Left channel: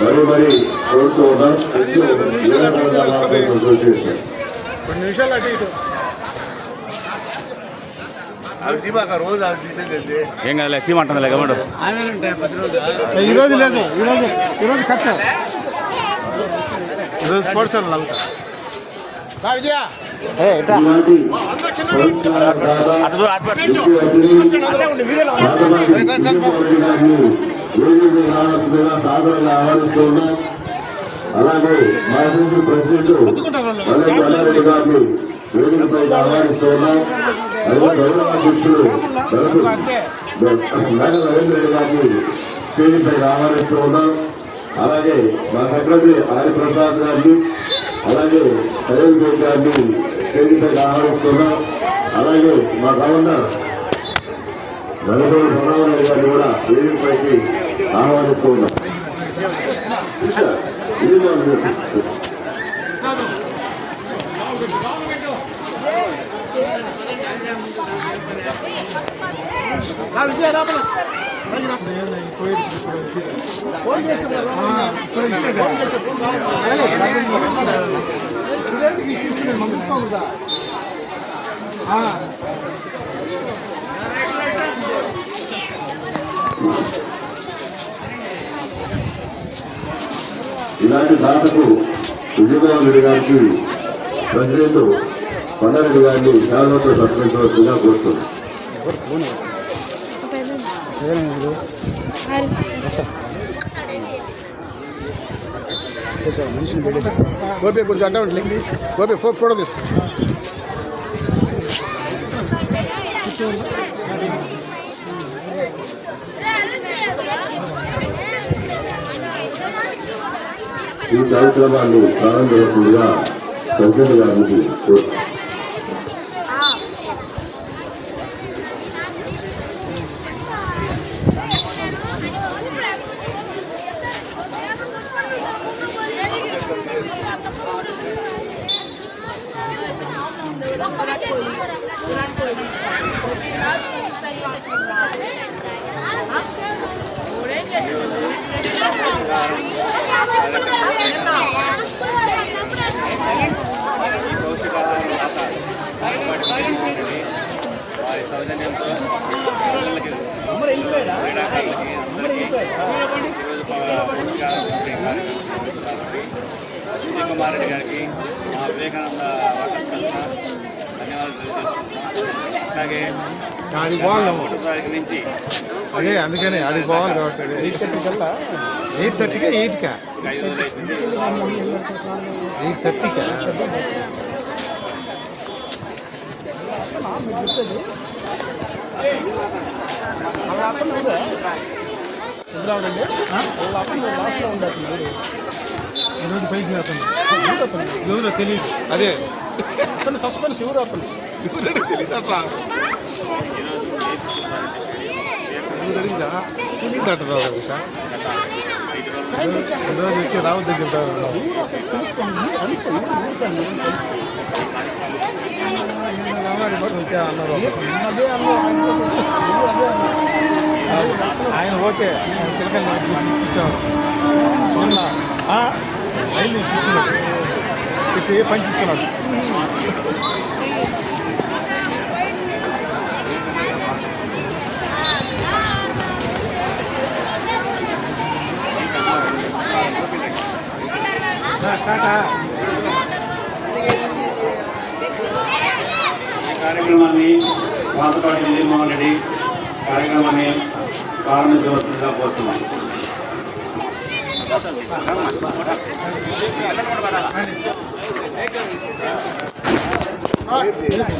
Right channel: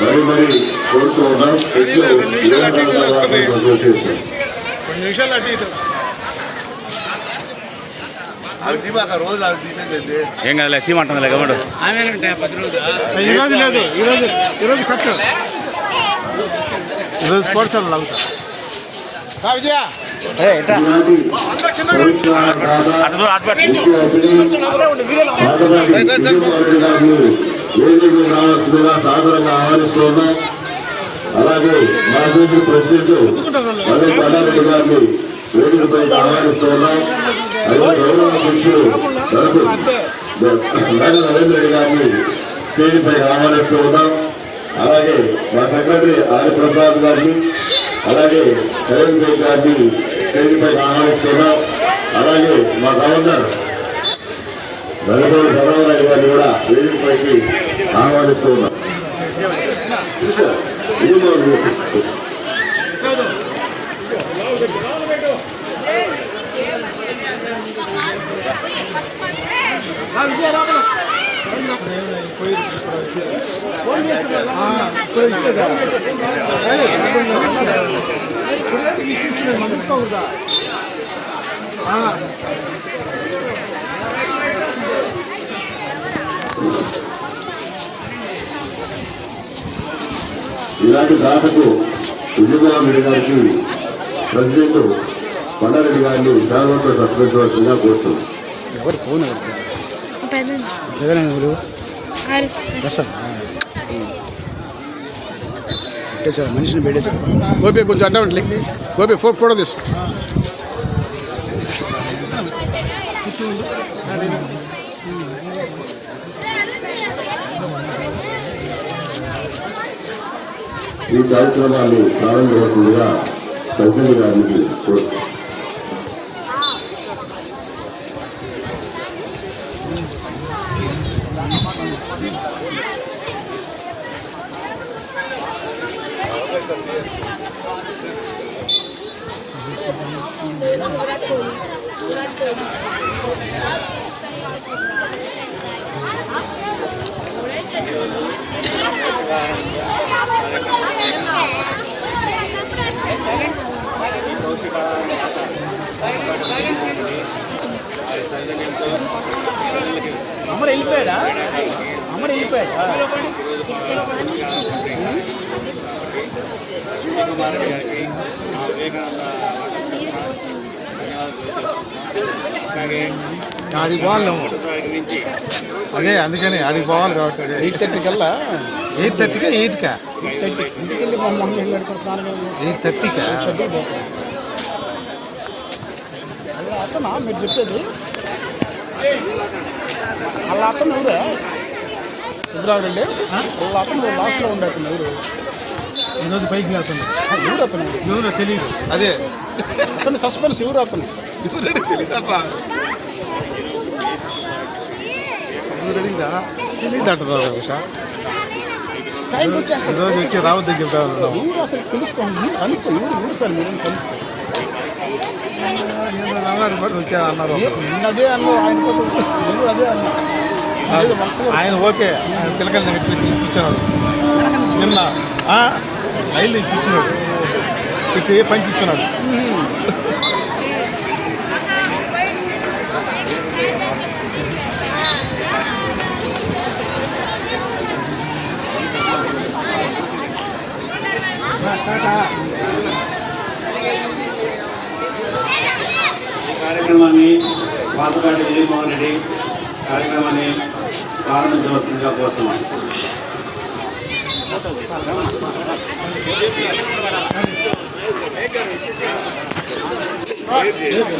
మరి కోరుతూ ఉన్నాం. అసోసియేషన్ ఏం కదలే తీమంటుందిలే గమడు ఈరోజు లేదు, ఈరోజు కట్టు ఈరోజు స్పోర్ట్స్ సాదరంగా ఆహ్వానిస్తున్నాం. అలాగే మా ప్రెసిడెంట్ గారిని వేదికపై ఆహ్వానిస్తున్నాం. అధ్యక్షుడు మేడ నరేంద్ర గారిని స్టేజ్పై ఆహ్వానిస్తూ ఉన్నాం. అలాగే మా సెక్రటరీ ఆదిప్రసాద్ గారిని అలాగే నరేంద్ర గారిని స్టేజ్పై ఆహ్వానిస్తున్నాం. అలాగే మా గవర్నర్ నరేంద్ర ప్రధానరావు గారిని కూడా వేదికపైకి ఆహ్వానిస్తూ ఉన్నాం. ఇలాంటి దాతకు విజయమోహన్ రెడ్డి గారికి ప్రెసిడెంట్ కొండారెడ్డి గారిని శాశ్వత సత్కరించవలసిందిగా కోరుతుంది. మనిషిని పెట్టేసారు. గోపి కొంచెం అడ్డా ఉంటలే. గోపి ఫోటో తీసు. ఈ కార్యక్రమాన్ని ప్రారంభించగా ప్రెసిడెంట్ గారికి కోరుతుంది. ఈ పౌష్టికాహారం దాత పాపపాటి విజయమోహన్ రెడ్డి వారి సౌజన్యంతో పిల్లలకి క్రీడాకారులకి అందరికీ ఈరోజు పౌష్టికాహారం పంపిణీ కార్యక్రమం జరుగుతుంది కాబట్టి విజయ్ కుమార్ రెడ్డి గారికి మా వివేకానంద వాకర్స్ తరఫున ధన్యవాదాలు తెలియజేసుకుంటున్నాం. అలాగే 1వ తారీఖు నుంచి అదే అందుకని అడిగి పోవాలి కాబట్టి 8:30 కల్లా 8:30కా 8కా 8:30కా ఈరోజు పైకి వెళ్తుంది. ఎవరో తెలియదు. అదే అతను సస్పెన్స్ ఎవరు అతను తెలియదు అట్లా తెలియదట రోజు వచ్చి రావద్దు తెలుసుకోండి. ఆయన ఓకే పిల్లకాయలు ఇప్పించారు. నిన్న ఐదు ఇప్పించినాడు. పెట్టి పనిచేస్తున్నాడు. ఈ కార్యక్రమాన్ని పాపపాటి విజయమోహన్ రెడ్డి కార్యక్రమాన్ని ప్రారంభించవలసిందిగా కోరుతున్నాను.